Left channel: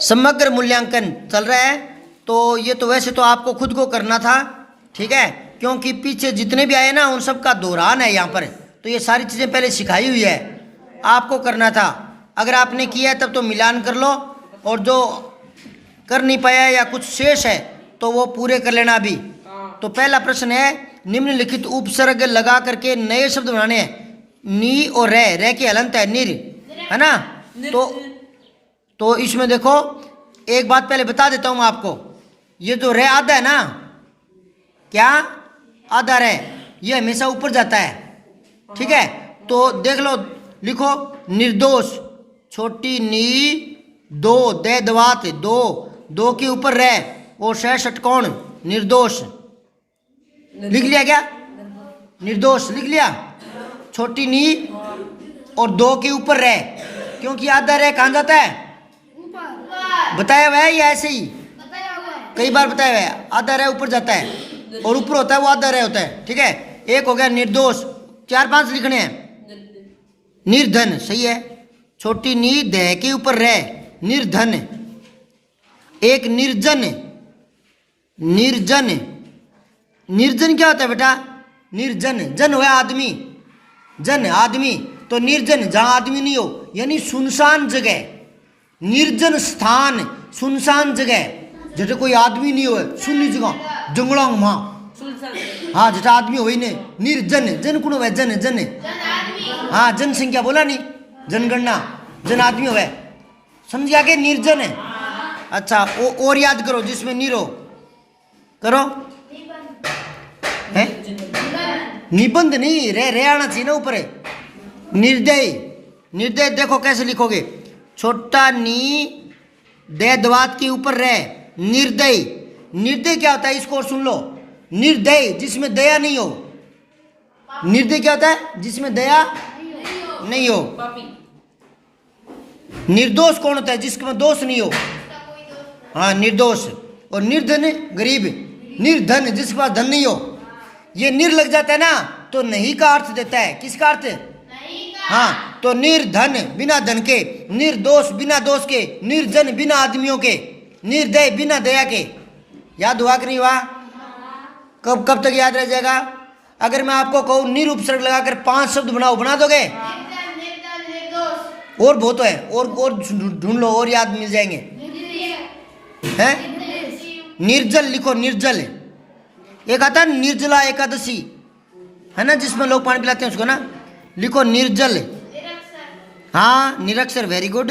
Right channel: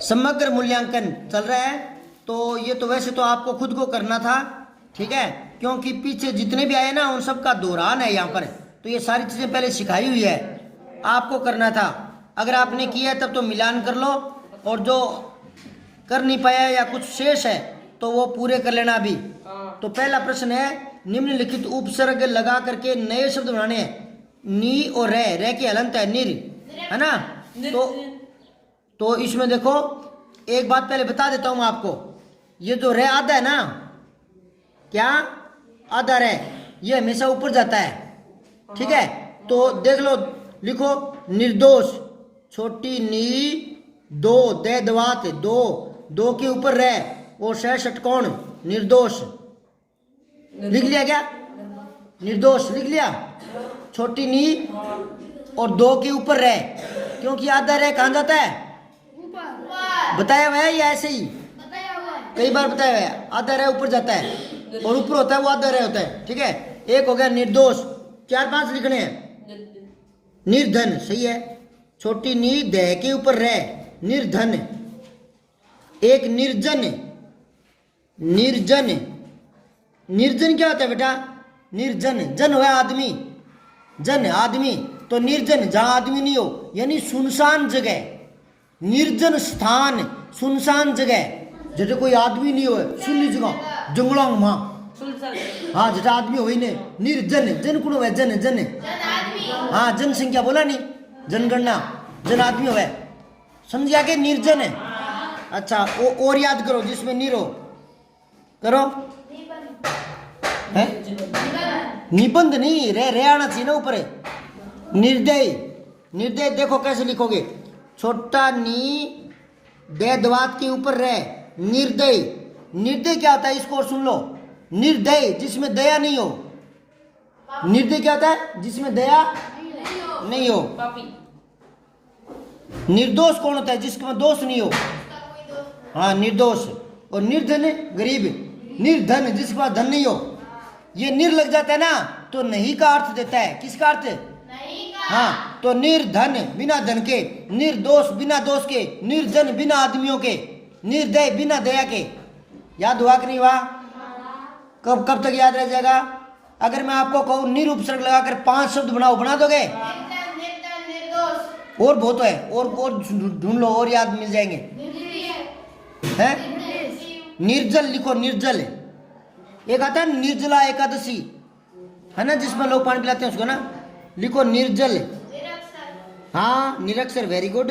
समग्र मूल्यांकन चल रहा है। तो ये तो वैसे तो आपको खुद को करना था, ठीक है, क्योंकि पीछे जितने भी आए ना उन सब का दोहरान है यहाँ पर। तो ये सारी चीज़ें पहले सिखाई हुई है, आपको करना था। अगर आपने किया है तब तो मिलान कर लो, और जो कर नहीं पाया या कुछ शेष है तो वो पूरे कर लेना अभी। तो पहला प्रश्न है, निम्नलिखित उपसर्ग लगा करके नए शब्द बनाने हैं। नी और रे की हलंत है निर, है ना। तो इसमें देखो, एक बात पहले बता देता हूँ आपको, ये जो रे आधा है ना, क्या आधा रे, ये हमेशा ऊपर जाता है, ठीक है। तो देख लो, लिखो निर्दोष, छोटी नी दो दे दवात दो के ऊपर रे और शह षटकोण निर्दोष। लिख लिया क्या? निर्दोष लिख लिया। छोटी नी और दो के ऊपर रे, क्योंकि आधा रे कहाँ जाता है? बताया हुआ है या ऐसे ही? कई बार बताया हुआ है, आधा रे ऊपर जाता है और ऊपर होता है वो आधा रे होता है, ठीक है। एक हो गया निर्दोष, 4-5 लिखने हैं। निर्धन सही है, छोटी नी दे के ऊपर रे, निर्धन। एक निर्जन, निर्जन, निर्जन क्या होता है बेटा? निर्जन, जन हुआ आदमी, जन आदमी, तो निर्जन जहां आदमी नहीं हो, यानी सुनसान जगह, निर्जन स्थान, सुनसान जगह, जैसे कोई आदमी नहीं हो, सुन्नी जगह, जंगलों में, हाँ जैसा आदमी हो ही नहीं। निर्जन, जन कौन हुआ? जन, जन, हाँ जनसंख्या बोला नहीं, जनगणना, जन आदमी हुआ, समझ गया कि निर्जन है। अच्छा, और याद करो जिसमें निरो करो है, निबंध नहीं, रे आना चाहिए ना ऊपर। निर्दय, निर्दय देखो कैसे लिखोगे, छोटा नी दे दवात के ऊपर रे, निर्दय। निर्दय क्या होता है इसको और सुन लो, निर्दय जिसमें दया नहीं हो। निर्दय क्या होता है? जिसमें दया नहीं हो। निर्दोष कौन होता है? जिसमें दोष नहीं हो, हाँ निर्दोष। और निर्धन गरीब, निर्धन जिसके पास धन नहीं हो। ये निर लग जाता है ना तो नहीं का अर्थ देता है। किसका अर्थ? हाँ, तो निर्धन बिना धन के, निर्दोष बिना दोष के, निर्जन बिना आदमियों के, निर्दय बिना दया के। याद हुआ कि नहीं हुआ? कब तक याद रह जाएगा? अगर मैं आपको कहूँ निरुपसर्ग लगाकर 5 शब्द बनाओ, बना दोगे? और बहुत है, और ढूंढ लो, और याद मिल जाएंगे। है निर्जल लिखो, निर्जल। एक आता है निर्जला एकादशी, है ना, जिसमें लोग पानी पिलाते हैं उसको ना, लिखो निर्जल। हाँ निरक्षर, वेरी गुड।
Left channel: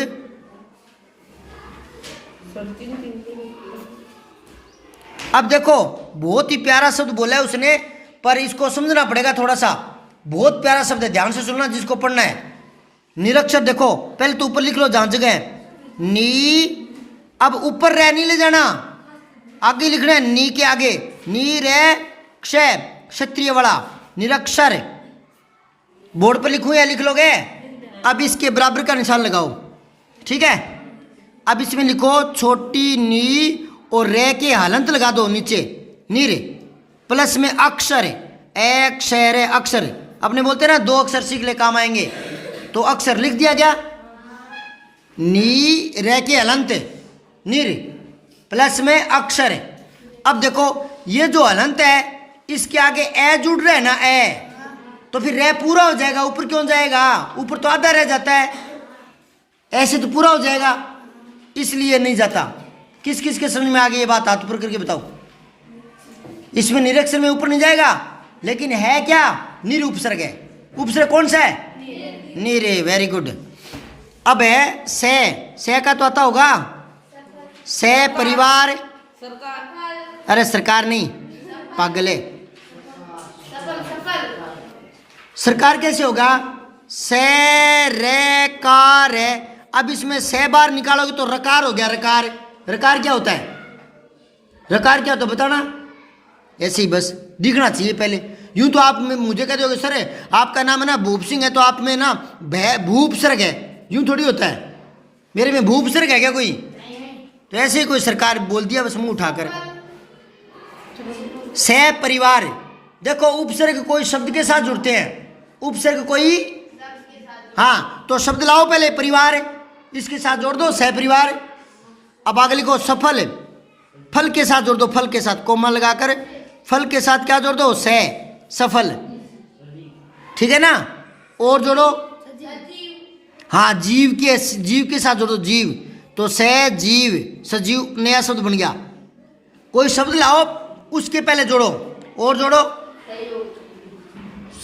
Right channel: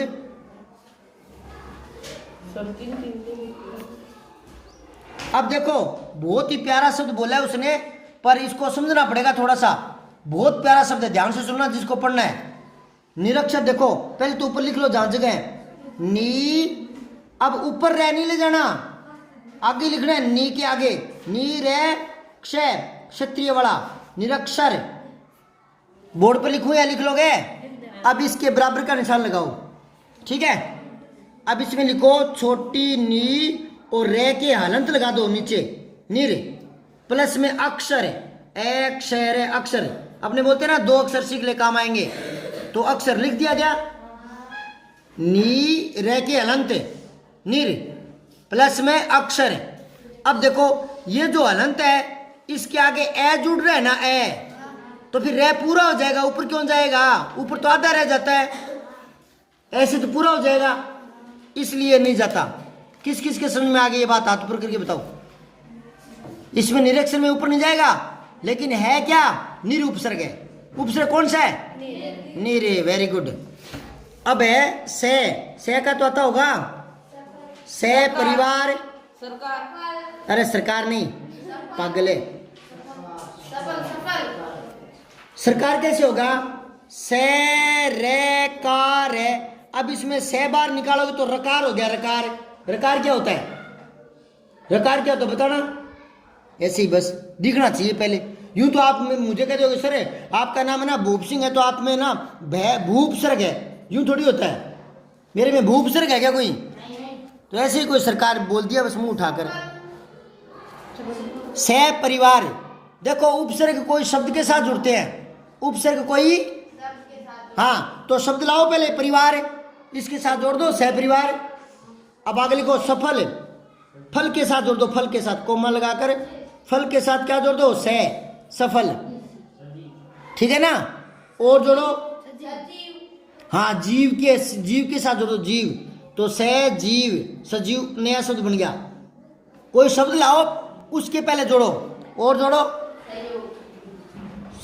अब देखो बहुत ही प्यारा शब्द बोला है उसने, पर इसको समझना पड़ेगा थोड़ा सा। बहुत प्यारा शब्द है, ध्यान से सुनना जिसको पढ़ना है। निरक्षर देखो, पहले तो ऊपर लिख लो जहां जगह है नी। अब ऊपर रे नहीं ले जाना, आगे लिखना है नी के आगे, नी रे क्षय, क्षत्रिय वाला निरक्षर। बोर्ड पर लिखूं या लिख लोगे? अब इसके बराबर का निशान लगाओ, ठीक है। अब इसमें लिखो छोटी नी और रे के हलंत लगा दो नीचे, नीर प्लस में अक्षर, एक शहर अक्षर। अपने बोलते ना 2 अक्षर सीख ले काम आएंगे, तो अक्षर लिख दिया गया। नी रे के हलंत निर प्लस में अक्षर। अब देखो ये जो हलंत है इसके आगे ए जुड़ रहा है ना, ए, तो फिर रे पूरा हो जाएगा, ऊपर क्यों जाएगा? ऊपर तो आधा रह जाता है, ऐसे तो पूरा हो जाएगा, इसलिए नहीं जाता। किस किस के समझ में आ गई ये बात? हाथ ऊपर करके बताओ। इसमें निरक्षर में ऊपर नहीं जाएगा, लेकिन है क्या? निरुपसर्ग है। उपसर्ग कौन सा है? निरे, वेरी गुड। अब है से का तो आता होगा, से परिवार, अरे सरकार नहीं पागले, सरकार कैसे होगा? से रे कार है। अब इसमें से बार निकालोगे तो रकार हो गया, रकार। रकार क्या होता है? रकार क्या होता है बताना, ऐसे ही बस दिखना चाहिए पहले। यूं तो आप में मुझे कहते हो सर आपका नाम है ना भूप सिंह है, तो आप में ना भूपसर्ग है, यूं थोड़ी होता है। मेरे में भूपसर्ग है क्या कोई? तो ऐसे ही कोई सरकार बोल दिया बस मुंह उठाकर। से परिवार, देखो उपसर्ग कोई शब्द के साथ जुड़ते हैं, उपसर्ग कोई, हाँ तो शब्द लाओ पहले परिवार, इसके साथ जोड़ दो सह परिवार। अब आगे लिखो सफल, फल के साथ जोड़ दो, फल के साथ कोमा लगाकर फल के साथ क्या जोड़ दो, से, सफल, ठीक है ना। और जोड़ो, हाँ जीव के साथ जोड़ो, जीव, तो से जीव, सजीव नया शब्द बन गया। कोई शब्द लाओ उसके पहले जोड़ो, और जोड़ो,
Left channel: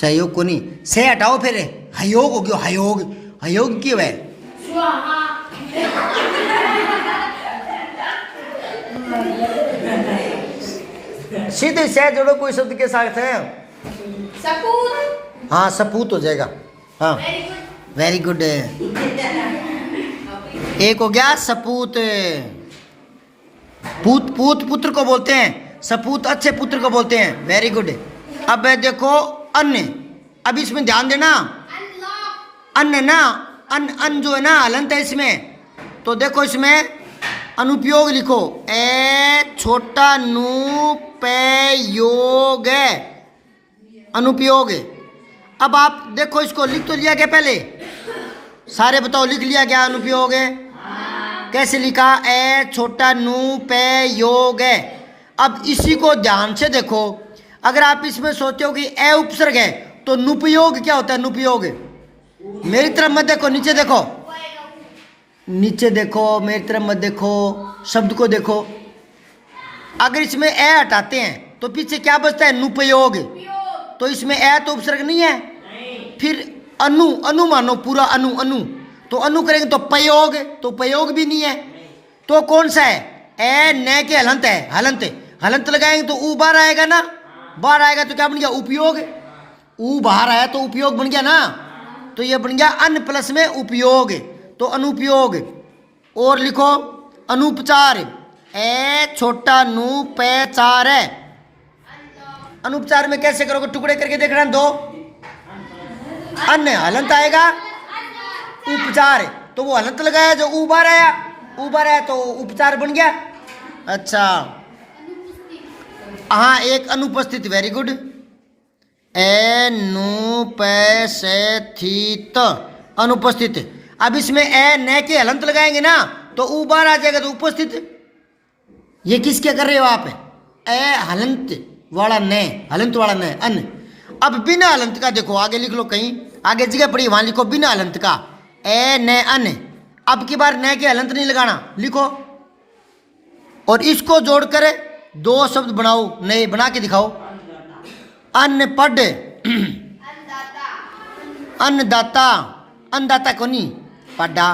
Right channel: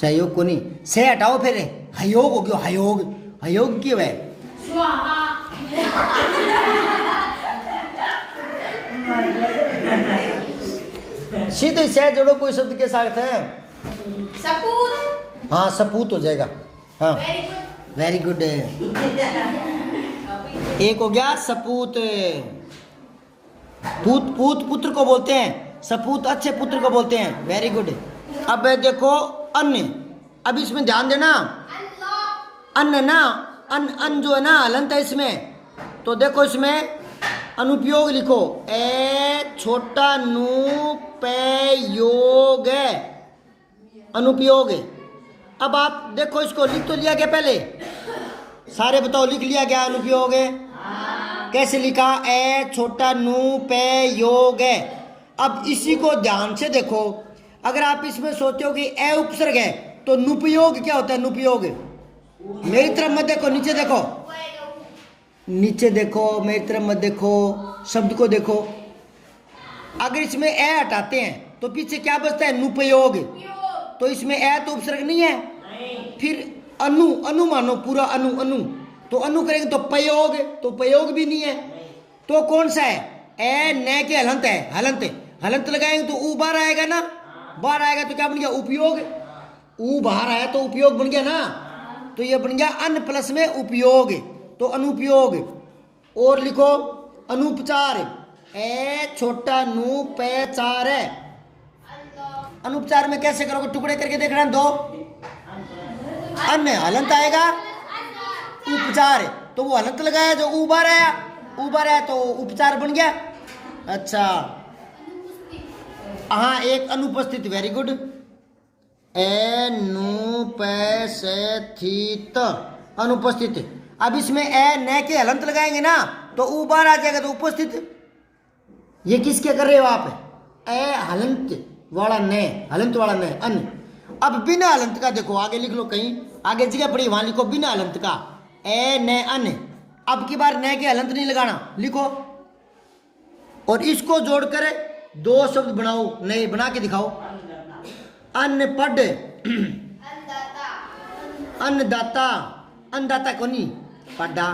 सहयोग को नहीं, से हटाओ फिर हयोग हो गया, हयोग, हयोग क्यों है, सीधे से जोड़ो कोई शब्द के साथ है, सपूत, हाँ सपूत हो जाएगा, हाँ वेरी गुड। एक हो गया सपूत, पूत, पूत पुत्र को बोलते हैं, सपूत अच्छे पुत्र को बोलते हैं, वेरी गुड। अब देखो अन्य, अब इसमें ध्यान देना, अन्य ना, अन जो है ना हलंत है इसमें, तो देखो इसमें अनुपयोग लिखो, ए छोटा नू पे योग है, अनुपयोग। अब आप देखो इसको लिख तो लिया क्या पहले, सारे बताओ लिख लिया क्या अनुपयोग है, कैसे लिखा, ए छोटा नू पे योग है। अब इसी को ध्यान से देखो, अगर आप इसमें सोचते हो कि ए उपसर्ग है तो नुपयोग क्या होता है, नुपयोग, मेरी तरफ मत देखो, नीचे देखो, नीचे देखो, मेरी तरफ मत देखो, शब्द को देखो। अगर इसमें ए हटाते हैं तो पीछे क्या बचता है, नुपयोग, तो इसमें ए तो उपसर्ग नहीं है, फिर अनु, अनु मानो पूरा अनु, अनु, तो अनु करेंगे तो पयोग, तो पयोग भी नहीं है, तो कौन सा है, ए न के हलंत है, हलंत, हलंत लगाएंगे तो ऊ बाहर आएगा ना, बाहर आएगा तो क्या बन गया, उपयोग, ऊ बाहर आया तो उपयोग बन गया ना, तो ये बन गया अन प्लस में उपयोग, तो अनुपयोग। और लिखो अनुपचार, ए छोटा नू पे चार है, अनुपचार में कैसे करोगे, टुकड़े करके देखना, दो अन्य हलंत आएगा, उपचार, तो वो हलंत लगाया जो उबार आया, उबार आया तो उपचार बन गया। अच्छा हाँ एक अनुपस्थित, वेरी गुड, ए नु पे से थी त, अनुपस्थित। अब इसमें ए न के हलंत लगाएंगे ना तो उबार आ जाएगा, तो उपस्थित। ये किसके कर रहे हो आप, ए हलंत वाला न, हलंत वाला न, अन। अब बिना हलंत का देखो, आगे लिख लो, कहीं आगे जगह पड़ी वहां लिखो बिना हलंत का, ए न अन। अब की बार न के हलंत नहीं लगाना, लिखो, और इसको जोड़कर दो शब्द बनाओ, नए बना के दिखाओ, अनपढ़, अन्नदाता, अन्नदाता को नहीं पढ़ा,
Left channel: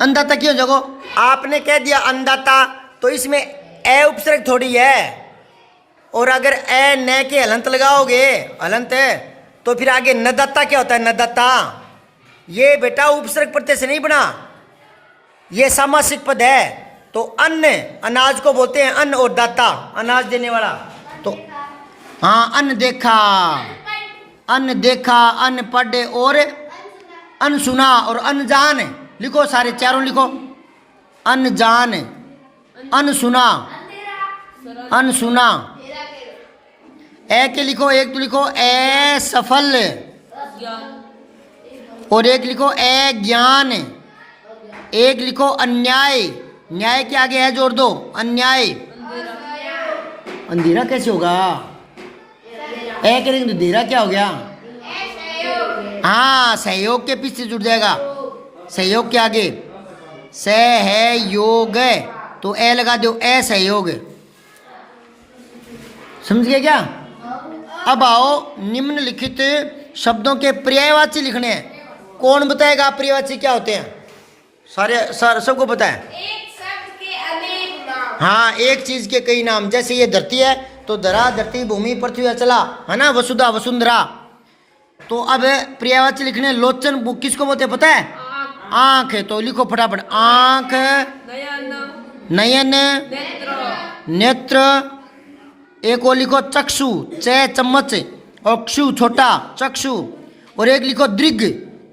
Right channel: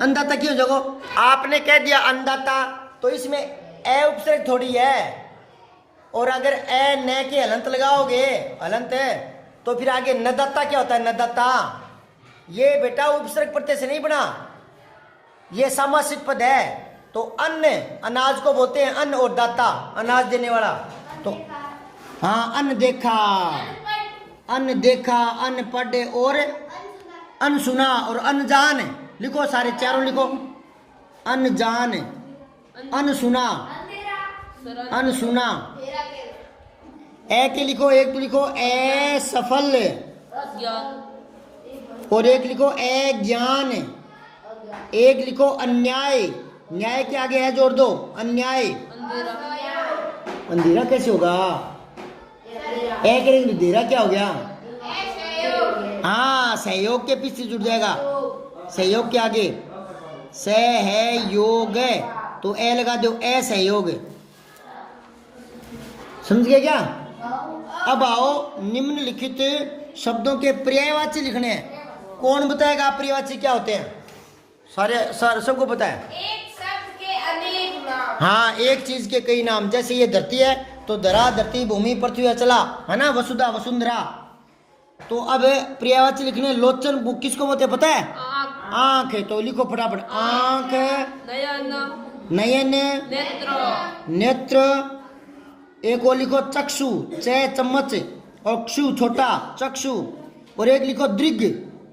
अन्नदाता क्यों जगो, आपने कह दिया अन्नदाता, तो इसमें ए उपसर्ग थोड़ी है, और अगर ए न के हलंत लगाओगे, हलंत है, तो फिर आगे नदाता क्या होता है, नदाता, ये बेटा उपसर्ग प्रत्यय से नहीं बना, ये सामासिक पद है, तो अन्न, अनाज को बोलते हैं अन्न, और दाता अनाज देने वाला, तो हाँ अन्न देखा, अन्न देखा, अन्न पढ़े, और अन्न सुना, और अनजान, लिखो सारे चारों लिखो, अनजान, अन्न सुना, अन्न सुना, ए के लिखो, एक तो लिखो ए सफल, और एक लिखो ए ज्ञान, एक लिखो अन्याय, न्याय के आगे है जोड़ दो, अन्याय, अंधेरा कैसे होगा, ए करेंगे तो देरा क्या हो गया, हाँ सहयोग के पीछे जुड़ जाएगा, सहयोग के आगे से है योग है, तो ए लगा दो, ए सहयोग, समझ गए क्या। अब आओ निम्नलिखित शब्दों के पर्यायवाची लिखने हैं, कौन बताएगा पर्यायवाची क्या होते हैं, सारे सबको पता है, एक शब्द के अनेक नाम, हाँ एक चीज के कई नाम, जैसे ये धरती है तो धरा, धरती, भूमि, पृथ्वी, अचला, है ना, वसुधा, वसुंधरा। तो अब पर्यायवाची लिखने, लोचन वो किसको बोलते हैं पता है, आंख है, तो लिखो फटाफट, आंख, नयन, नेत्र, एक और लिखो चक्षु, चे चम्मच, और क्षु छोटा, चक्षु, और एक लिखो दृग,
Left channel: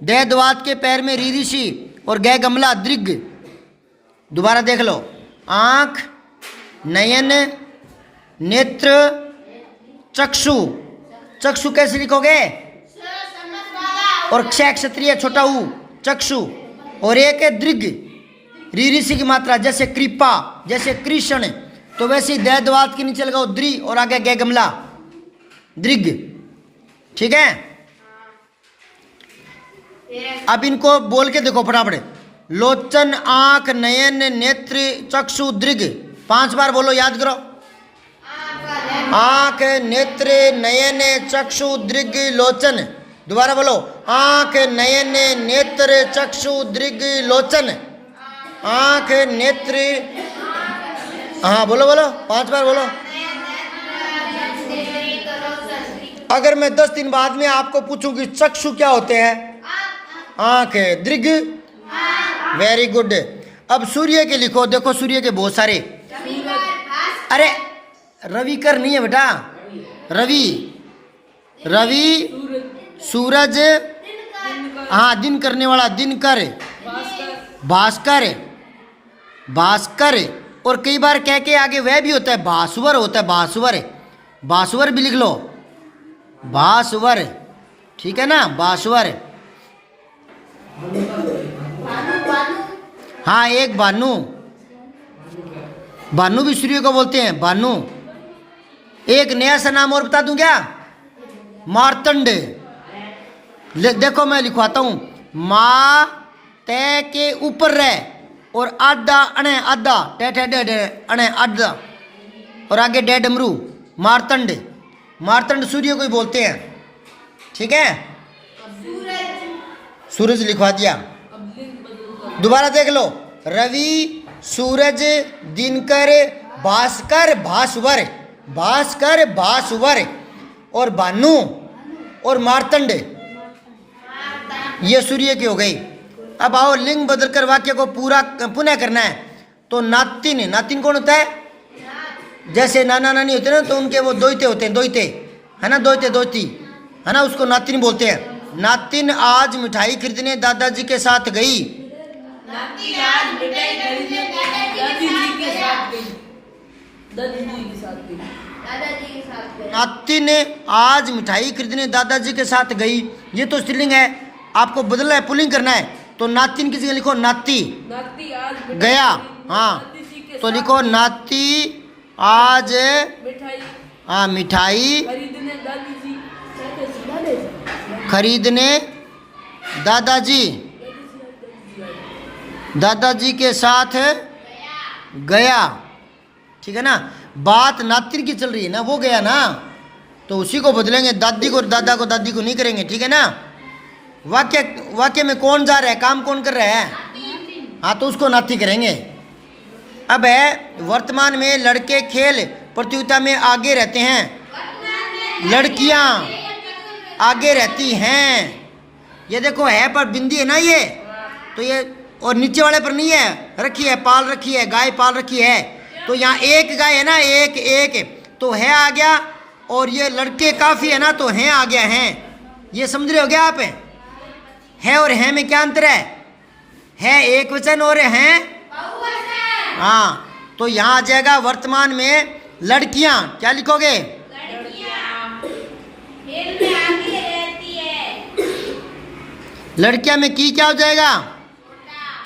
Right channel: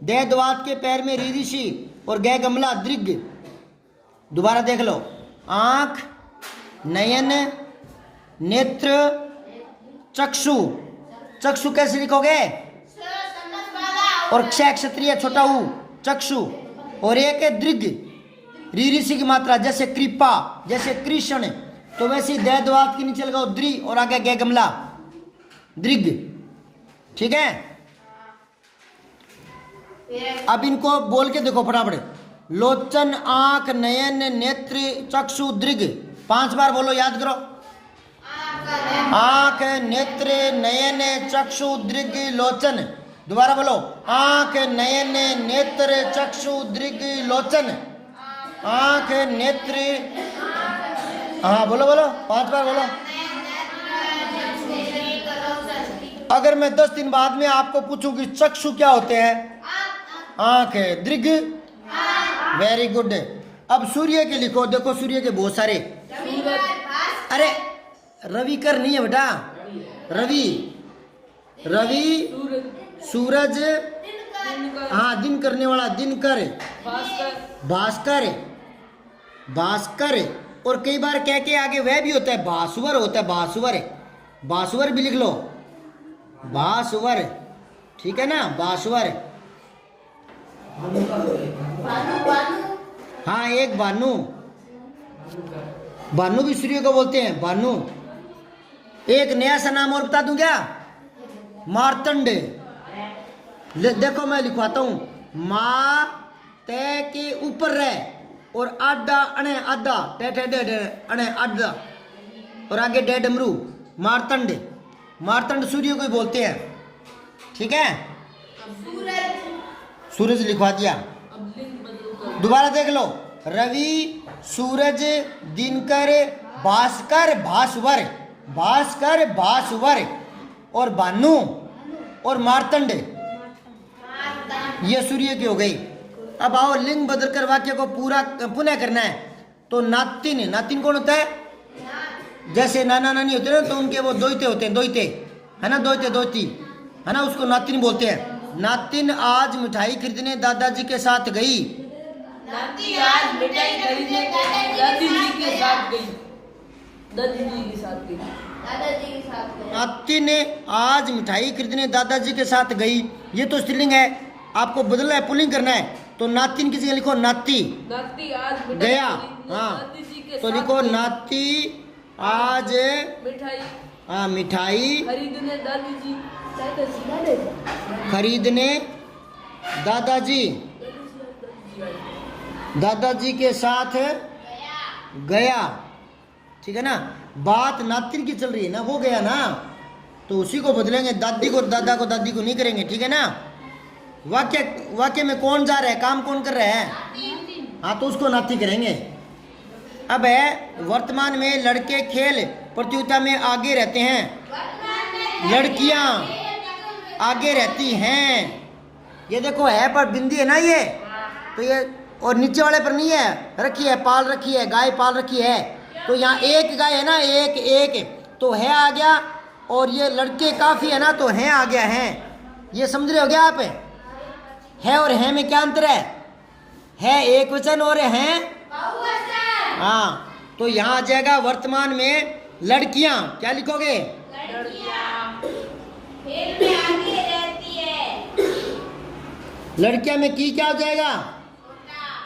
दे द्वात के पैर में री ऋषि, और गै गमला, दृग। दोबारा देख लो, आंख, नयन, नेत्र, चक्षु, चक्षु कैसे लिखोगे, और क्षय क्षत्रिय छोटा ऊ, चक्षु, और एक है दृग, री ऋषि की मात्रा, जैसे कृपा, जैसे कृष्ण, तो वैसे ही दैदवात के नीचे लगाओ द्रि और आगे गै गमला दृग। ठीक है, अब इनको बोल के देखो फटाफट। लोचन, आंख, नयन, नेत्र, चक्षु, दृग। 5 बार बोलो, याद करो। आंख, नेत्र, नयन, चक्षु, दृग, लोचन। दोबारा बोलो, आंख, नयन, नेत्र, चक्षु, दृग, लोचन। आंख, नेत्र, हाँ बोलो बोलो, 5 बार बोलो। अगर मैं 10 दिन बाद में आपको पूछूं कि चक्षु क्या होते हैं? आंख है। दृग, वेरी गुड। अब सूर्य के लिखो, देखो सूर्य के बहुत सारे। अरे रविकर नहीं है बेटा, रवि, रवि, सूरज, हाँ दिन करने वाला, दिनकर, भास्कर, भास्कर, और कई बार कह के आगे वह भी होता है, भास्वर होता है, भास्वर, भास्वर भी लिख लो, भास्वर। ठीक है ना, भास्वर। हाँ एक भानु, भानु भी सूर्य को बोलते हैं, भानु। एक नया सा नाम और बता दूं क्या? मार्तंड। देखो मैं लिखवाता हूं, माँ तय के ऊपर रह और आधा अणे आधा अणे आधा और आगे डे डमरू, मार्तंड। मार्तंड सूर्य को ही बोलते हैं। ठीक है, सूरज लिखवा दिया। दोबारा देख लो, रवि, सूरज, दिनकर, भास्कर, भास्वर, भास्कर, भास्वर, और भानु और मार्तंड, ये सूर्य की हो गई। अब आओ लिंग बदलकर वाक्य को पूरा पुनः करना है। तो नातिन, नातिन कौन होता है? जैसे नाना नानी होते हैं ना, तो उनके वो दोइते होते हैं, दोइते है ना, दोइते दोती है ना, उसको नातिन बोलते हैं। नातिन आज मिठाई खरीदने दादाजी के साथ गई। नातिन आज मिठाई खरीदने दादाजी के साथ गई। दादाजी के साथ गई। दादाजी के साथ गई। नातिन आज मिठाई खरीदने दादाजी के साथ गई। ये तो स्त्रीलिंग है, आपको बदलना है, पुल्लिंग करना है। तो नातिन की जगह लिखो नाती, नाती आज गया। हाँ तो लिखो नाती आज मिठाई, हाँ मिठाई खरीदने दादाजी खरीदने दादाजी दादाजी के साथ गया। ठीक है ना, बात नातिन की चल रही है ना, वो गया ना, तो उसी को बदलेंगे, दादी को और दादा को दादी को नहीं करेंगे। ठीक है ना, वाक्य वाक्य में कौन जा रहा है, काम कौन कर रहा है? हाँ तो उसको नाती करेंगे। अब है वर्तमान में लड़के खेल प्रतियोगिता में आगे रहते हैं, लड़कियां आगे रहती हैं। ये देखो है पर बिंदी है ना ये, तो ये और नीचे वाले पर नहीं है, रखी है, पाल रखी है, गाय पाल रखी है। तो यहाँ एक गाय है ना, एक एक तो है आ गया, और ये लड़के काफी है ना, तो है आ गया है। ये समझ रहे हो गया आप? है और है में क्या अंतर है एक वचन और है हाँ, तो यहाँ आ जाएगा वर्तमान में लड़कियां, क्या लिखोगे? लड़कियां में की क्या हो जाएगा?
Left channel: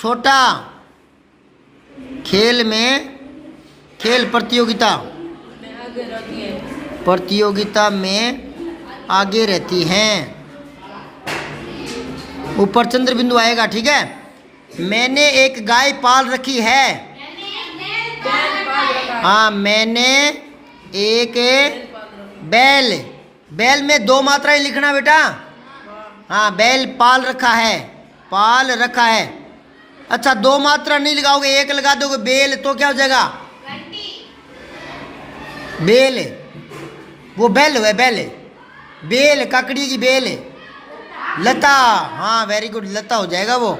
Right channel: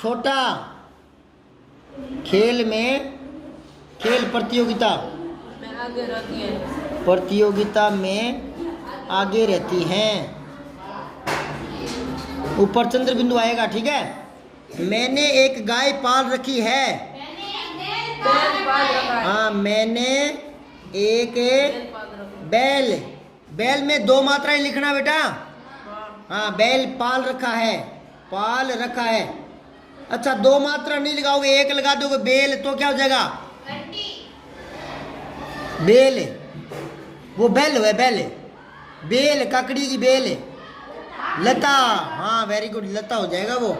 छोटा। खेल में, खेल प्रतियोगिता, प्रतियोगिता में आगे रहती हैं, ऊपर चंद्र बिंदु आएगा। ठीक है, मैंने एक गाय पाल रखी है। हाँ मैंने एक बैल, बैल में 2 मात्राएं लिखना बेटा। हाँ बैल पाल रखा है, पाल रखा है। अच्छा 2 मात्रा नहीं लगाओगे, एक लगा दोगे बेल, तो क्या हो जाएगा? बेल, वो बैल हुआ, बैल, बेल, काकड़ी की बेल, लता। हाँ वेरी गुड, लता हो जाएगा वो।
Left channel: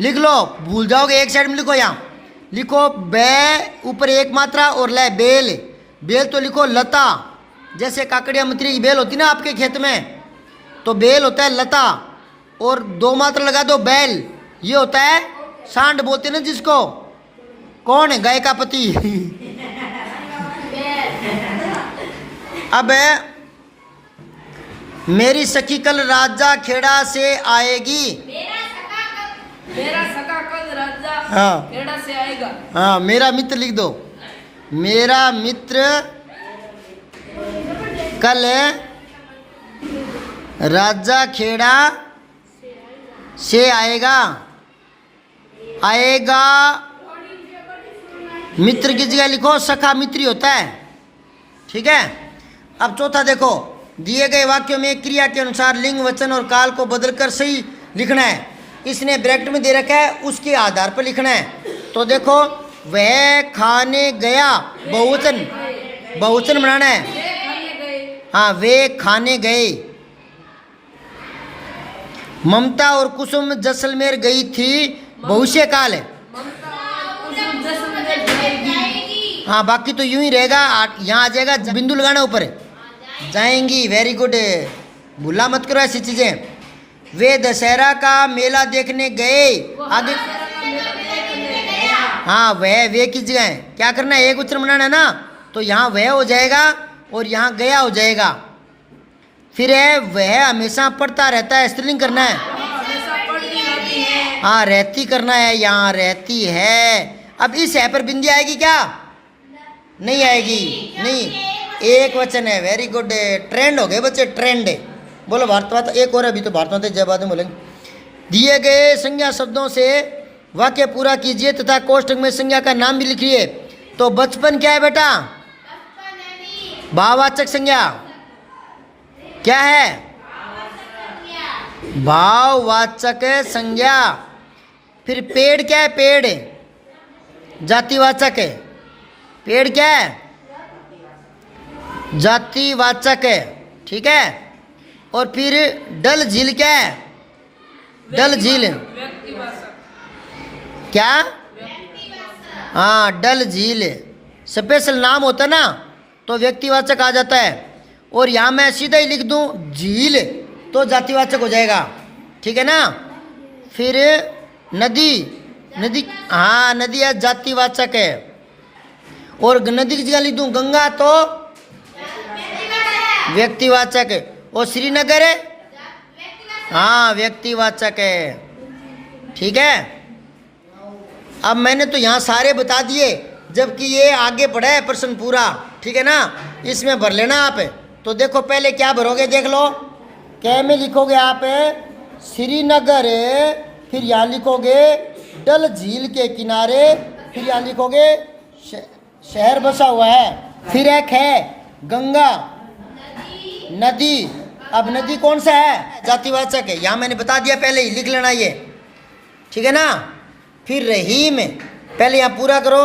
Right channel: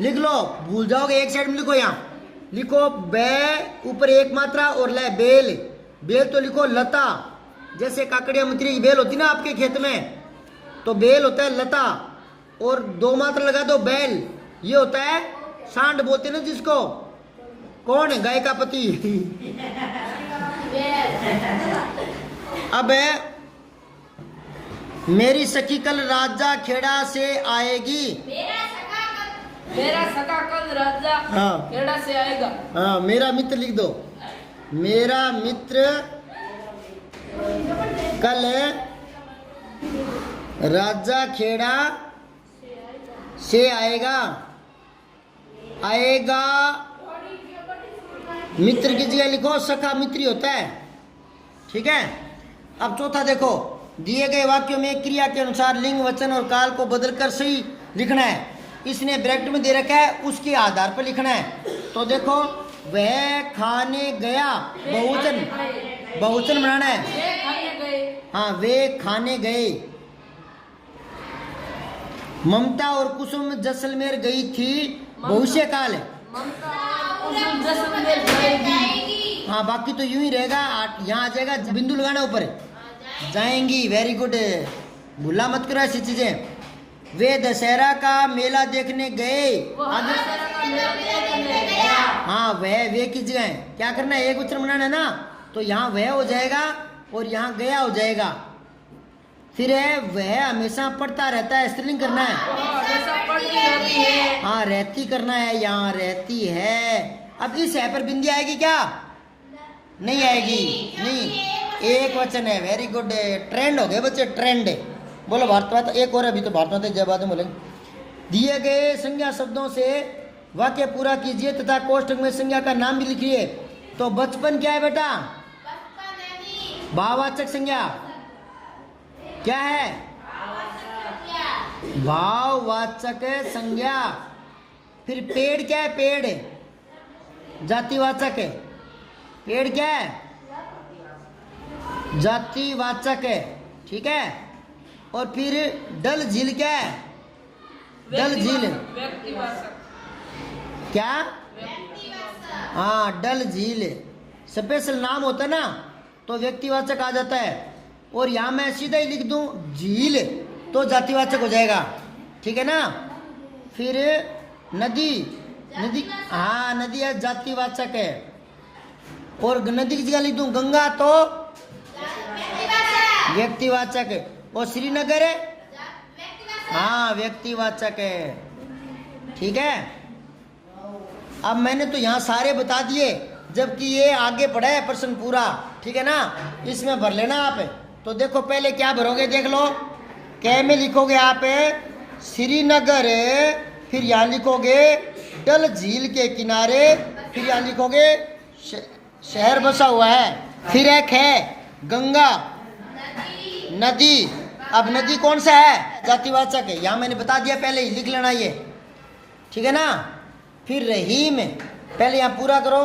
लिख लो, भूल जाओगे, एक साइड में लिखो, यहाँ लिखो बे ऊपर 1 मात्रा और ले बेल, बेल तो लिखो लता। जैसे काकड़िया मत्री की बेल होती ना आपके खेत में, तो बेल होता है लता, और 2 मात्रा लगा दो बैल, ये होता है सांड बोलते ना जिसको। कौन है? गाय का पति। अब मेरी सखी कल राजा खेड़ा से आएगी। मेरा सखा कल राजा हाँ। खेड़ा से आएगा। हाँ, मेरा मित्र लिख दो। मेरा मित्र कल राजा खेड़ा से आएगा। आएगा मित्र की जगह लिखो सखा मित्री होता है। ठीक है। अब चौथा देखो, दिए गए वाक्यों में क्रिया के अनुसार लिंग, वचन और काल को बदलकर सही लिखना है। इसने ब्रैकेट में दे रखा है, उसके आधार पर लिखना है। तो देखो, वह खाने गया, बहुवचन, बहुवचन बनाना है। हाँ, वे खाने गए। ममता और कुसुम जैसलमेर गई थी, भविष्य काल है। हाँ, बाकी तो यूं ही रहेगा। यहाँ आ जाएगा, बिंदु लगाना ऊपर, जाएंगी। वेरी गुड, भूला मत करो ऐसी चीजें। वे दशहरा का मेला देखने गए। आगे हाँ, वह वे की जगह है, क्या करना है, एक उच्चारण बनाना है ना, तो यहाँ वह हो जाएगा और यहाँ गया हो जाएगा। फिर है वह हमेशा पढ़ता रहता है, स्त्रीलिंग करना है। हाँ, रहती करना है, यहाँ रहती है। अब इस है पर बिंदी आएगी क्या? नहीं आएगी, नहीं, एक वचन है। वेरी गुड, ट्रेंड हो गए बच्चे, ट्रेंड। बोलो भारत माता, एक और अभी तो भारत माता जय बाद में बोलेंगे। दिए गए संज्ञा शब्दों से वाक्य पूरा कीजिए तथा कोष्ठक में संज्ञा का नाम भी लिखिए। तो बचपन क्या है बेटा? भाववाचक संज्ञा क्या है? भाववाचक संज्ञा। फिर पेड़ क्या है? पेड़ जातिवाचक है। पेड़ क्या है? जातिवाचक है। ठीक है। और फिर डल झील क्या है? डल झील क्या? हाँ, डल झील स्पेशल नाम होता ना, तो व्यक्तिवाचक आ जाता है। और यहाँ मैं सीधा ही लिख दूँ झील, तो जातिवाचक हो जाएगा। ठीक है ना। फिर नदी, नदी, हाँ नदी है, जातिवाचक है। और नदी की जगह लिख दूँ गंगा, तो व्यक्तिवाचक है। और श्रीनगर है, हाँ व्यक्तिवाचक है। ठीक है। अब मैंने तो यहाँ सारे बता दिए, जबकि ये आगे पढ़ा है प्रश्न पूरा। ठीक है ना, इसमें भर लेना आप। तो देखो पहले क्या भरोगे, देख लो। कै में लिखोगे आप श्रीनगर, फिर यहाँ लिखोगे डल झील के किनारे, फिर यहाँ लिखोगे शहर बसा हुआ है। फिर एक है गंगा नदी। अब नदी कौन सा है? जातिवाचक है। यहाँ मैंने बता दिया पहले ही, लिख लेना ये। ठीक है ना। फिर रहीम, पहले यहाँ पूरा करो।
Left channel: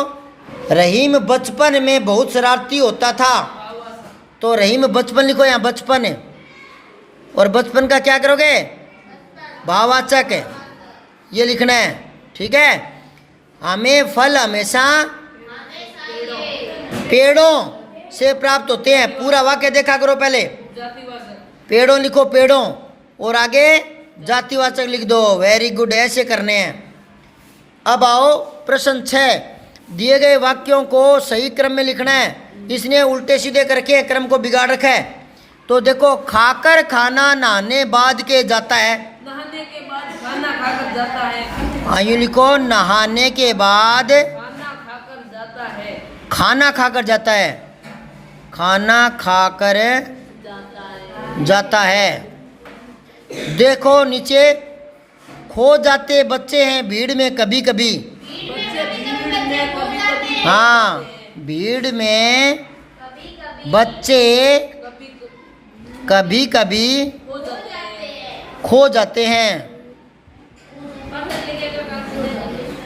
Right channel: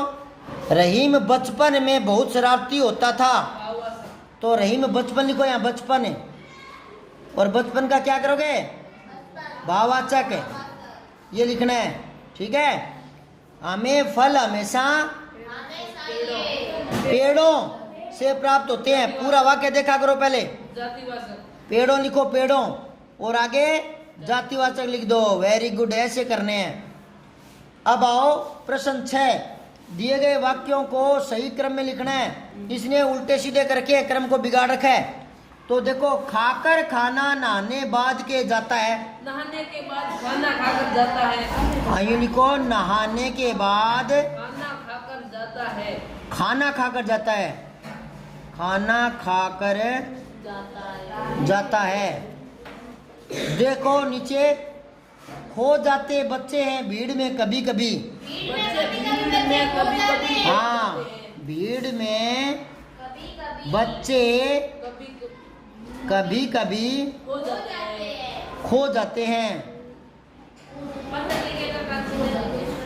रहीम बचपन में बहुत शरारती होता था, तो रहीम बचपन लिखो यहाँ, बचपन है। और बचपन का क्या करोगे? भाववाचक है, ये लिखना है। ठीक है। हमें फल हमेशा पेड़ों से प्राप्त होते हैं। पूरा वाक्य देखा करो पहले। पेड़ों लिखो, पेड़ों, और आगे जातिवाचक लिख दो। वेरी गुड, ऐसे करने हैं। अब आओ प्रश्न 6। दिए गए वाक्यों को सही क्रम में लिखना है। इसने उल्टे सीधे करके क्रम को बिगाड़ रखा है। तो देखो, खाकर खाना नहाने बाद के जाता है, नहाने के बाद खाना खाकर जाता है। आइए लिखो, नहाने के बाद खाना खाकर जाता है। खाना खाकर जाता है, खाना खाकर जाता है। देखो नीचे, खो जाते बच्चे हैं भीड़ में कभी कभी। बच्चे भीड़ में कभी कभी, हाँ, भीड़ में बच्चे कभी कभी हो जाते हैं। खो जाते हैं।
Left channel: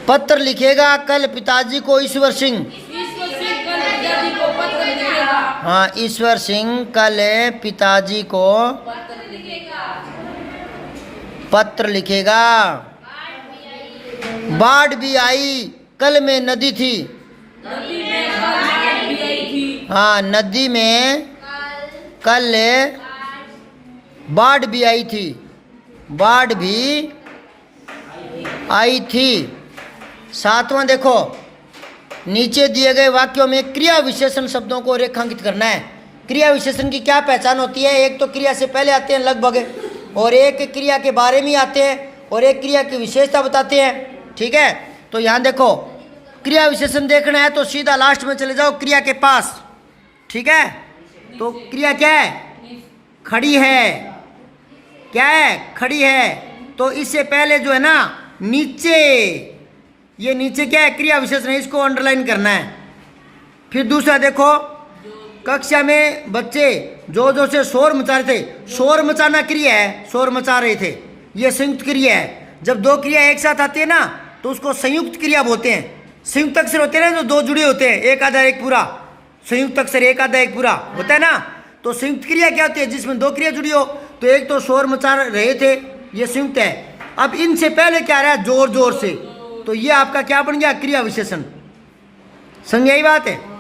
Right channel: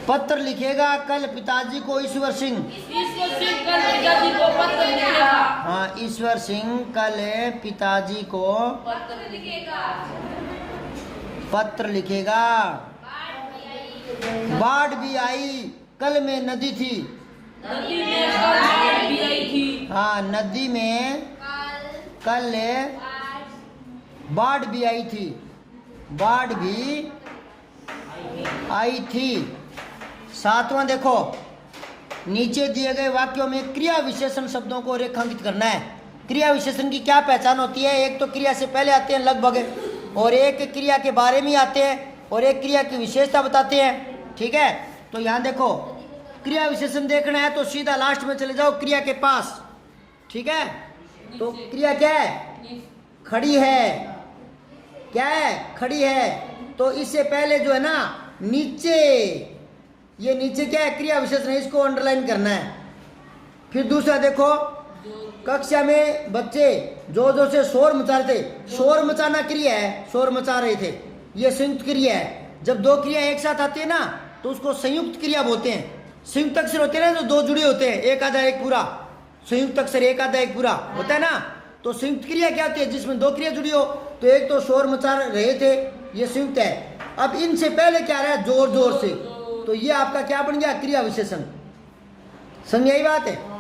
पत्र लिखेगा कल पिताजी को ईश्वर सिंह। ईश्वर सिंह कल पिताजी को पत्र लिखेगा। हाँ, ईश्वर सिंह कल पिताजी को पत्र लिखेगा। पत्र लिखेगा। बाढ़ भी आई, कल में नदी थी। नदी में कल बाढ़ भी आई थी। हाँ, नदी में कल बाढ़ भी आई थी। बाढ़ भी आई थी। 7वां देखो, नीचे दिए गए वाक्यों में क्रिया विशेषण शब्दों को रेखांकित करना है। क्रिया विशेषण की क्या पहचान होती है? एक तो क्रिया से पहले आते हैं लगभग, और एक क्रिया के बारे में आते हैं, और एक क्रिया की विशेषता बताते हैं। ठीक है। तो यहाँ देखो क्रिया विशेषण देखना है तो सीधा लास्ट में चले जाओ क्रिया के पास, ठीक है। तो क्रिया क्या है? खड़ी है। क्या है? खड़ी है। तो इससे पहले जो है ना नीचे, ये नीचे क्या है? क्रिया विशेषण है, इसको अंडरलाइन करना है। फिर दूसरा देखो, कक्षा में बच्चे जो जो से शोर मचा रहे थे, शोर मचाना क्रिया है, शोर मचा रहे थे, ये संयुक्त क्रिया है। जब दो क्रिया एक साथ आती है ना तो उसको संयुक्त क्रिया बोलते हैं। संयुक्त अक्षर होते हैं ना जो दो जुड़े होते हैं, एक आधा एक पूरा, संयुक्त अक्षर एक आधा एक पूरा होता है ना। तो संयुक्त क्रिया क्या होती है? जिसमें दो क्रिया जुड़ी हो। तो एक तो शोर मचा रहे थे, ये संयुक्त है। अब इनसे पहले क्या रहा? जोर जोर से, तो ये आपका क्या बन गया? क्रिया विशेषण। समझ यही बात है।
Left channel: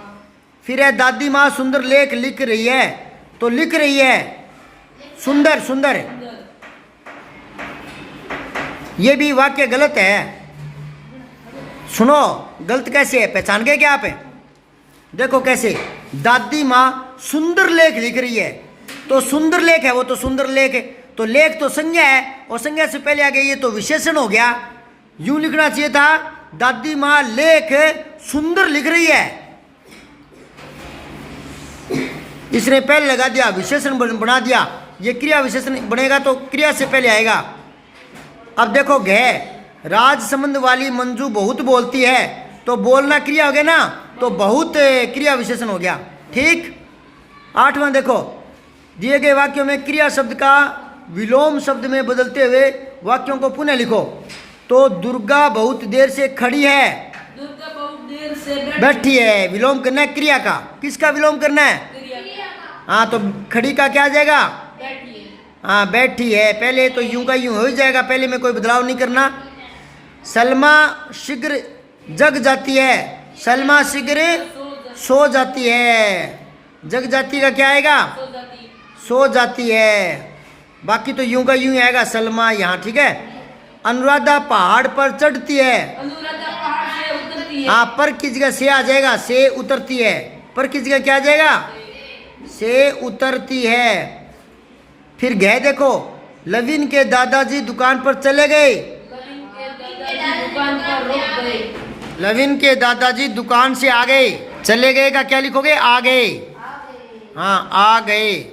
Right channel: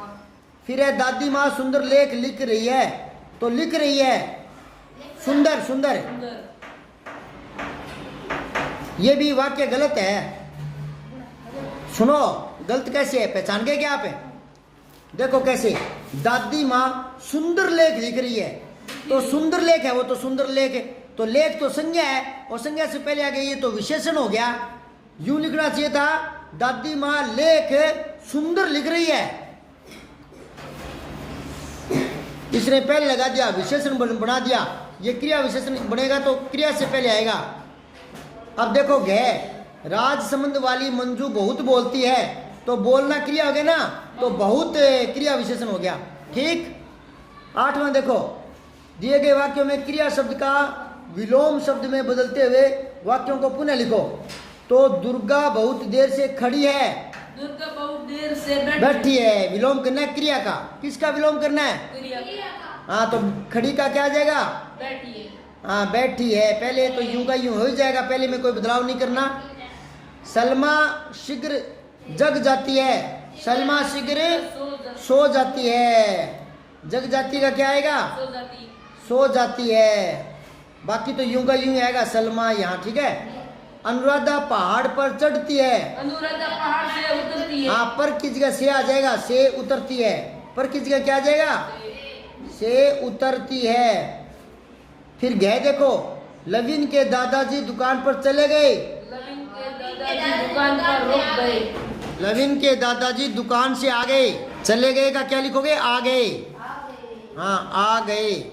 फिर है दादी माँ सुंदर लेख लिख रही है, तो लिख रही है सुंदर सुंदर, ये भी वाक्य गलत है। सुनो गलत कैसे है, पहचान गए क्या आप? देखो कैसे, दादी माँ सुंदर लेख लिख रही है, तो सुंदर लेख है वो, तो सुंदर लेख है, तो लेख तो संज्ञा है और संज्ञा से पहले आ गई, ये तो विशेषण हो गया। यूं लिखना चाहिए था दादी माँ लेख सुंदर लिख रही है, इसने पहले लगा दिया, विशेषण बना दिया। ये क्रिया विशेषण बनेगा तो क्रिया से पहले आएगा। अब देखो घे, राज संबंध वाली मंजू बहुत बोलती है, तो बोलना क्रिया हो गया ना, तो बहुत क्रिया विशेषण हो गया। ठीक। 8वां देखो, दिए गए वाक्यों में क्रिया शब्द का विलोम शब्द में बदलते हुए वाक्यों को पुनः लिखो। तो दुर्गा बहुत देर से खड़ी है, दुर्गा बहुत देर से बैठी है, विलोम करना है क्रिया का। किसका विलोम करना है? हाँ, तो खड़ी का क्या आ जाएगा? बैठी है। हाँ, बैठी है। पहले तो यूं का यूं हो ही जाएगा, पहले में कोई बदलाव नहीं करना। सलमा शीघ्र जग जाती है, सलमा शीघ्र सो जाती है, जग जाती का क्या आएगा? सो जाती है। बाकी तो यूं का यूं ही आएगा, सलमा यहाँ। ठीक है। अनुराधा पहाड़ पर चढ़ती है, अनुराधा पहाड़ से उतरती है। हाँ, पर की जगह से आ जाएगा, से उतरती है। पर की जगह क्या आ जाएगा? से उतरती है। फिर गए देखो, लविन के दादाजी दुकान पर चले गए, लविन के दादाजी दुकान पर रुक गए, लविन के दादाजी दुकान से आ गए। चले गए का क्या लिखोगे? आ गए। हाँ, आ गए।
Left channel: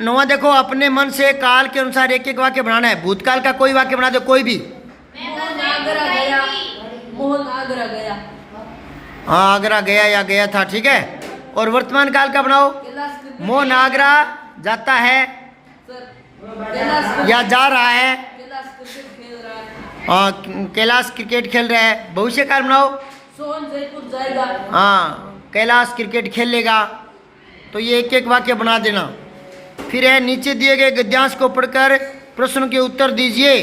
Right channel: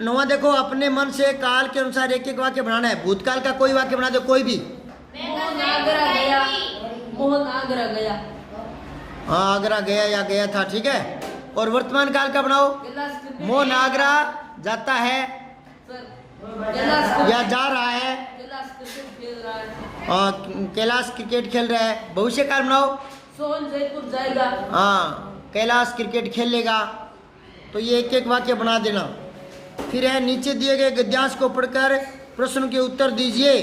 9वां देखो, अपने मन से काल के अनुसार एक एक वाक्य बनाना है। भूतकाल का कोई वाक्य बना दो, कोई भी। मोहन आगरा गया, मोहन आगरा गया। हाँ, आगरा गया या गया था। ठीक है। और वर्तमान काल का बनाओ, मोहन आगरा जाता है या जा रहा है, कैलाश क्रिकेट खेल रहा है। भविष्य काल बनाओ, सोहन जयपुर जाएगा। हाँ, कैलाश क्रिकेट खेल लेगा। तो ये एक एक वाक्य बना देना। फिर है, नीचे दिए गए गद्यांश को पढ़कर प्रश्न के उत्तर दीजिए।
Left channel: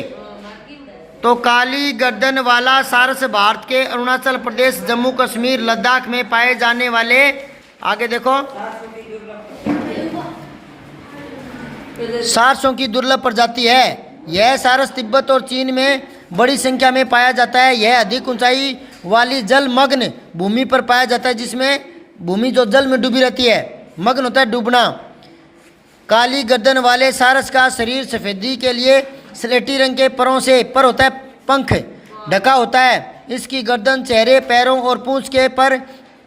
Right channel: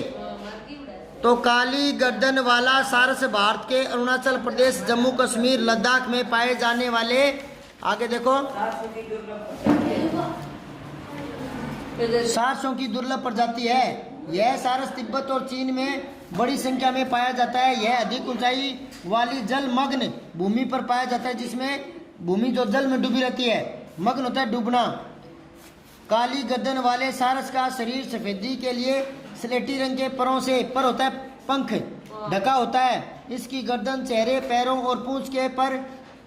तो काली गर्दन वाला सारस भारत के अरुणाचल प्रदेश, जम्मू कश्मीर, लद्दाख में पाए जाने वाले, आगे देखो, सारसों की दुर्लभ प्रजाति है। यह सारस तिब्बत और चीन में बड़ी संख्या में पाया जाता है। यह अधिक ऊंचाई वाली जलमग्न भूमि पर पाया जाता है, जिसमें भूमि जो जल में डूबी रहती है, मग्न होता है, डूबना। काली गर्दन वाले सारस का शरीर सफेदी के लिए स्लेटी रंग के परों से, पर होता है पंख, ढका होता है। इसकी गर्दन, चेहरे, पैरों और पूंछ के पर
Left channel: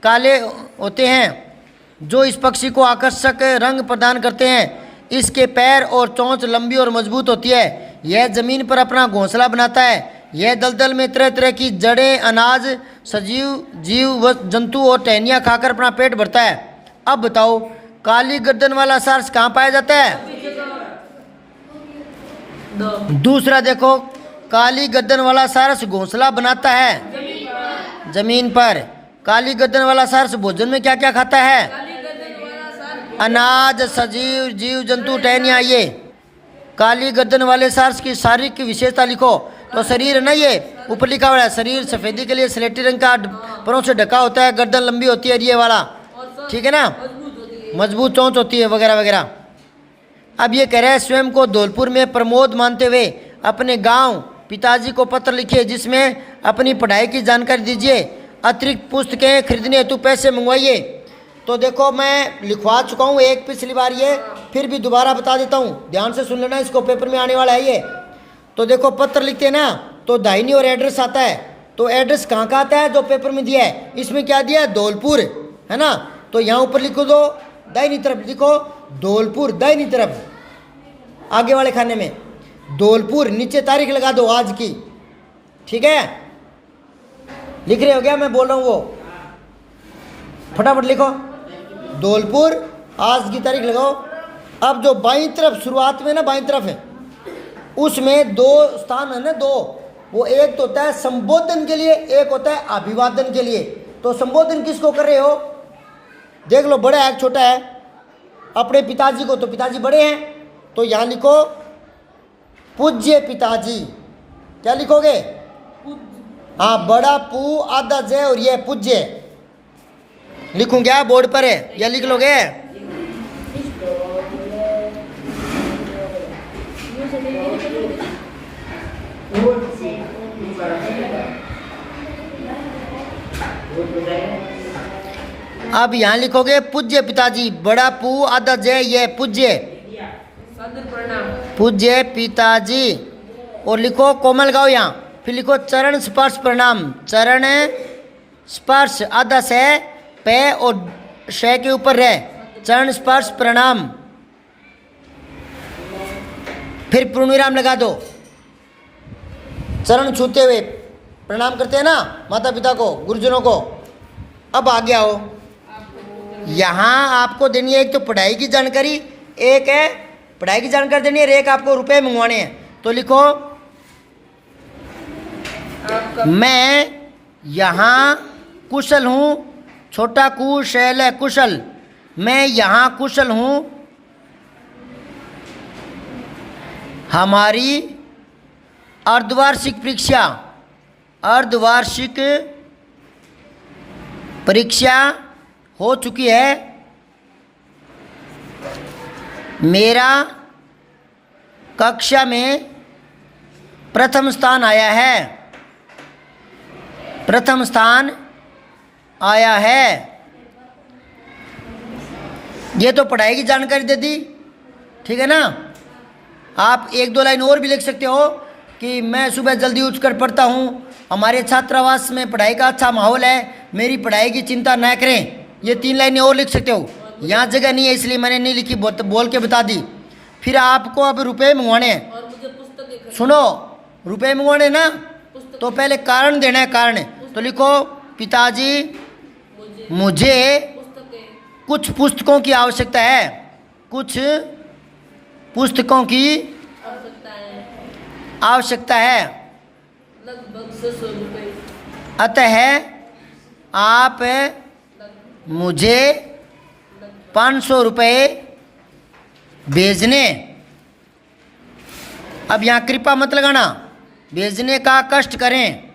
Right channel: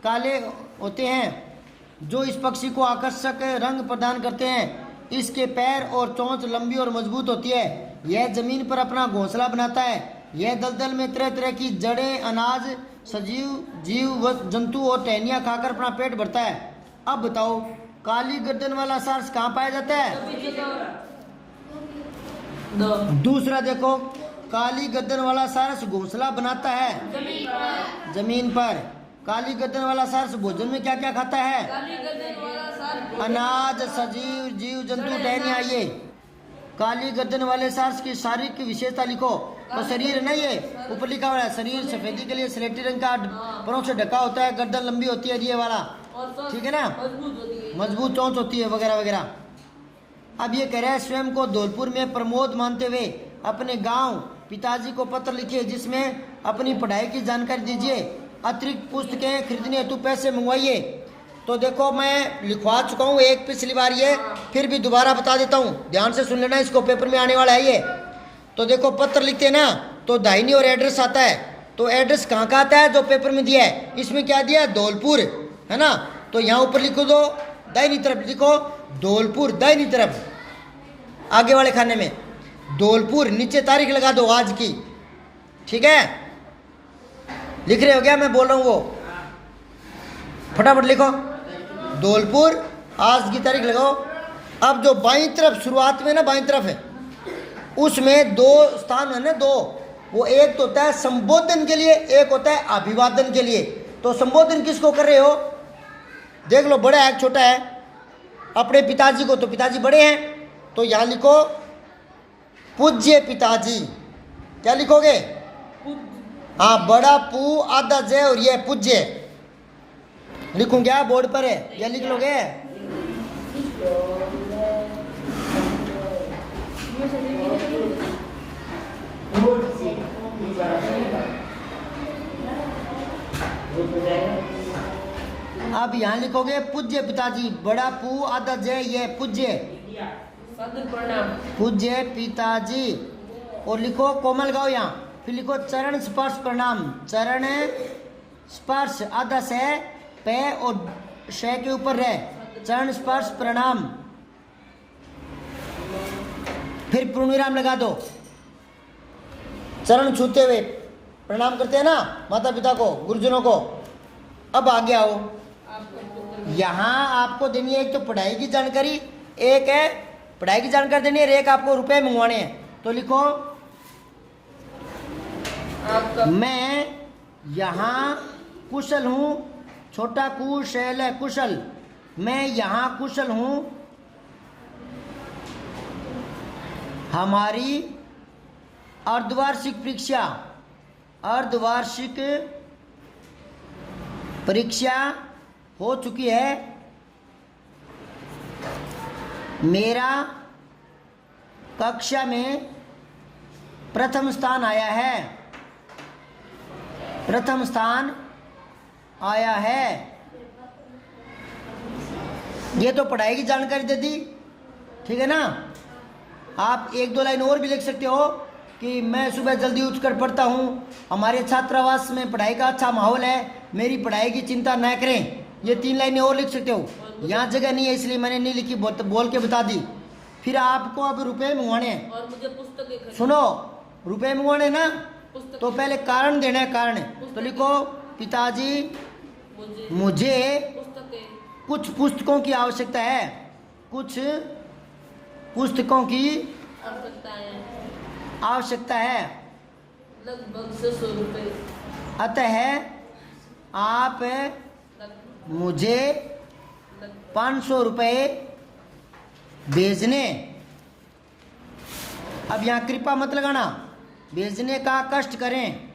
काले होते हैं, जो इस पक्षी को आकर्षक रंग प्रदान करते हैं। इसके पैर और चोंच लंबी और मजबूत होती है। यह जमीन पर अपना घोंसला बनाता है। यह दलदल में तरह तरह की जड़ें, अनाज, सजीव जीव व जंतु और टहनियाँ खाकर अपना पेट भरता है। अब बताओ, काली गर्दन वाला सारस कहाँ पाया जाता है? दूसरा देखो, काली गर्दन वाला सारस घोंसला बनाता है जमीन पर। काली गर्दन वाला सारस भोजन में क्या क्या खाता है? अनाज, सजीव जीव जंतु, टहनियाँ। ये काली गर्दन वाले सारस की शारीरिक विशेषता लिखो। तो शरीर ना, ये ऊपर लिखा हुआ है, शरीर सफेदी के लिए स्लेटी रंग का परों से ढका होता है, गर्दन लंबी होती है, ये वाला। ठीक है ना, मजबूत चोंच होती है, वगैरह वगैरह। अब ये कह रहे हैं, स्वयं को धौलपुर में प्रमोद मानते हुए अपने गांव पिताजी को पत्र लिखिए, जिसमें अपनी पढ़ाई की जानकारी दीजिए। अतिरिक्त पुस्तकें खरीदने हेतु पैसे मंगवाइए। तो देखो, मैं लिखवा चुका हूँ एक पिछली बार, ये फिर भी दोबारा बता देता हूँ, ध्यान से सुन लेना, इसको पेपर में आने वाला है ये। तो देखो, पत्र लिखते हैं ना, तो दाहिनी ओर एड्रेस आता है, तो एड्रेस कहाँ का आता है जो पेपर में दिया है, इसमें क्या दिया है, धौलपुर, है ना। तो यहाँ ऊपर लिखो दो, दाहिनी तरफ लिखो धौलपुर, दाहिनी तरफ आगे वाले खाने में धौलपुर, नीचे तारीख लगा दो आज की, ठीक है। लिख रहे हो क्या, मैं बोल रहा हूँ वो फटाफट लिखो, धौलपुर आज की तारीख लगाओ। अब जो बाईं तरफ शुरुआत में ना, बाईं तरफ है, उसमें दो स्थान है ना, दो, वो एक तो होता है संबोधन के लिए, एक होता है अभिवादन के लिए। तो संबोधन किसको कर रहे हो, देख लो, बड़ा है छोटा है, अपने पिताजी को, तो पिताजी बड़े हैं, तो यहाँ लिखो पूज्य पिताजी। क्या लिखोगे, हाँ, बड़ा पू आधा जय और ये पूज्य लिखूं क्या, बोर्ड पर है, या लिख लोगे। अब यहाँ लिखोगे पूज्य पिताजी, बड़ा पू आधा जय ये पूज्य, पूज्य पिताजी, और लिखो कोमल गाँव यहाँ, फिर लिखो चरण स्पर्श प्रणाम, चरण स्पर्श आधा से पे और शे के ऊपर रहे, चरण स्पर्श प्रणाम, फिर पूर्णविराम लगा दो। चरण छूते हुए प्रणाम करते हैं ना माता पिता को, गुरुजनों को। अब आगे आओ, यहाँ आपको देनी है एक तो पढ़ाई की जानकारी, एक है पढ़ाई की जानकारी देनी है, एक आपको रुपए मंगवाने हैं। तो लिखो मैं यहाँ कुशल हूँ, छोटा कुशल है कुशल, मैं यहाँ कुशल हूँ, हमारी अर्धवार्षिक परीक्षा हो चुकी है, मेरा कक्षा में प्रथम स्थान आया है, प्रथम स्थान आया है। ये तो पढ़ाई की जानकारी दे दी, ठीक है ना। आप एक दो लाइन और भी लिख सकते हो कि मैं सुबह जल्दी उठकर पढ़ता हूँ, हमारे छात्रावास में पढ़ाई का अच्छा माहौल है, मेरी पढ़ाई की चिंता न करें। ये 3 लाइनें और लिख सकते हो, यहाँ जगह नहीं है इसलिए मैंने नहीं लिखी, बोल के बता दी। फिर आपको अब रुपए मंगवाने हैं, और मुझे पुस्तकें सुनो, रुपए मंगवाने ना, तो पहले कारण देना है, कारण। तो लिखो पिताजी मुझे कुछ पुस्तकों की आवश्यकता है, कुछ पुस्तकों की आवश्यकता है, लगभग 600 रुपये, अतः आप मुझे 500 रुपये भेजने। अब यहाँ कृपा मत लगाना, भेजने का कष्ट करें,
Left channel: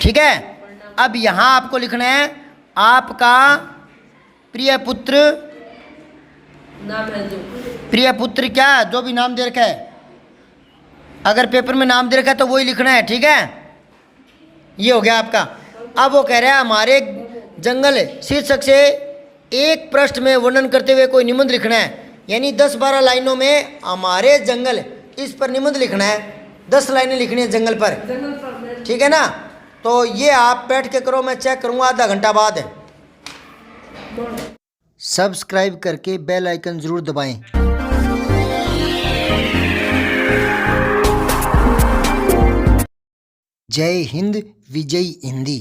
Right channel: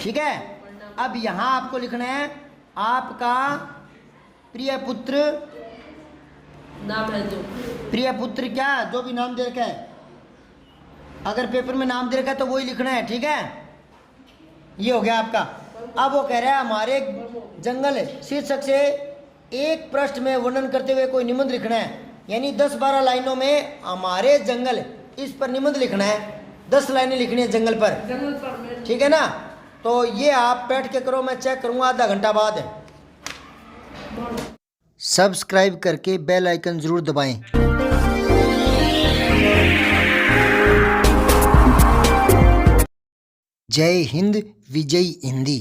ठीक है। अब यहाँ आपको लिखना है आपका प्रिय पुत्र, नाम है जो प्रिय पुत्र क्या, जो भी नाम दे रखा है, अगर पेपर में नाम दे रखा है तो वही लिखना है, ठीक है। ये हो गया आपका। अब वो कह रहा है हमारे जंगल शीर्षक से एक पृष्ठ में वर्णन करते हुए कोई निबंध लिखना है, यानी 10-12 लाइनों में हमारे जंगल, इस पर निबंध लिखना है, 10 लाइनें लिखनी है जंगल पर, ठीक है ना। तो ये आप बैठ के करो, मैं चेक करूँगा आधा घंटा बाद। सब्सक्राइब करके बेल आइकन ज़रूर दबाएं। जय हिंद, विजय हिंदी।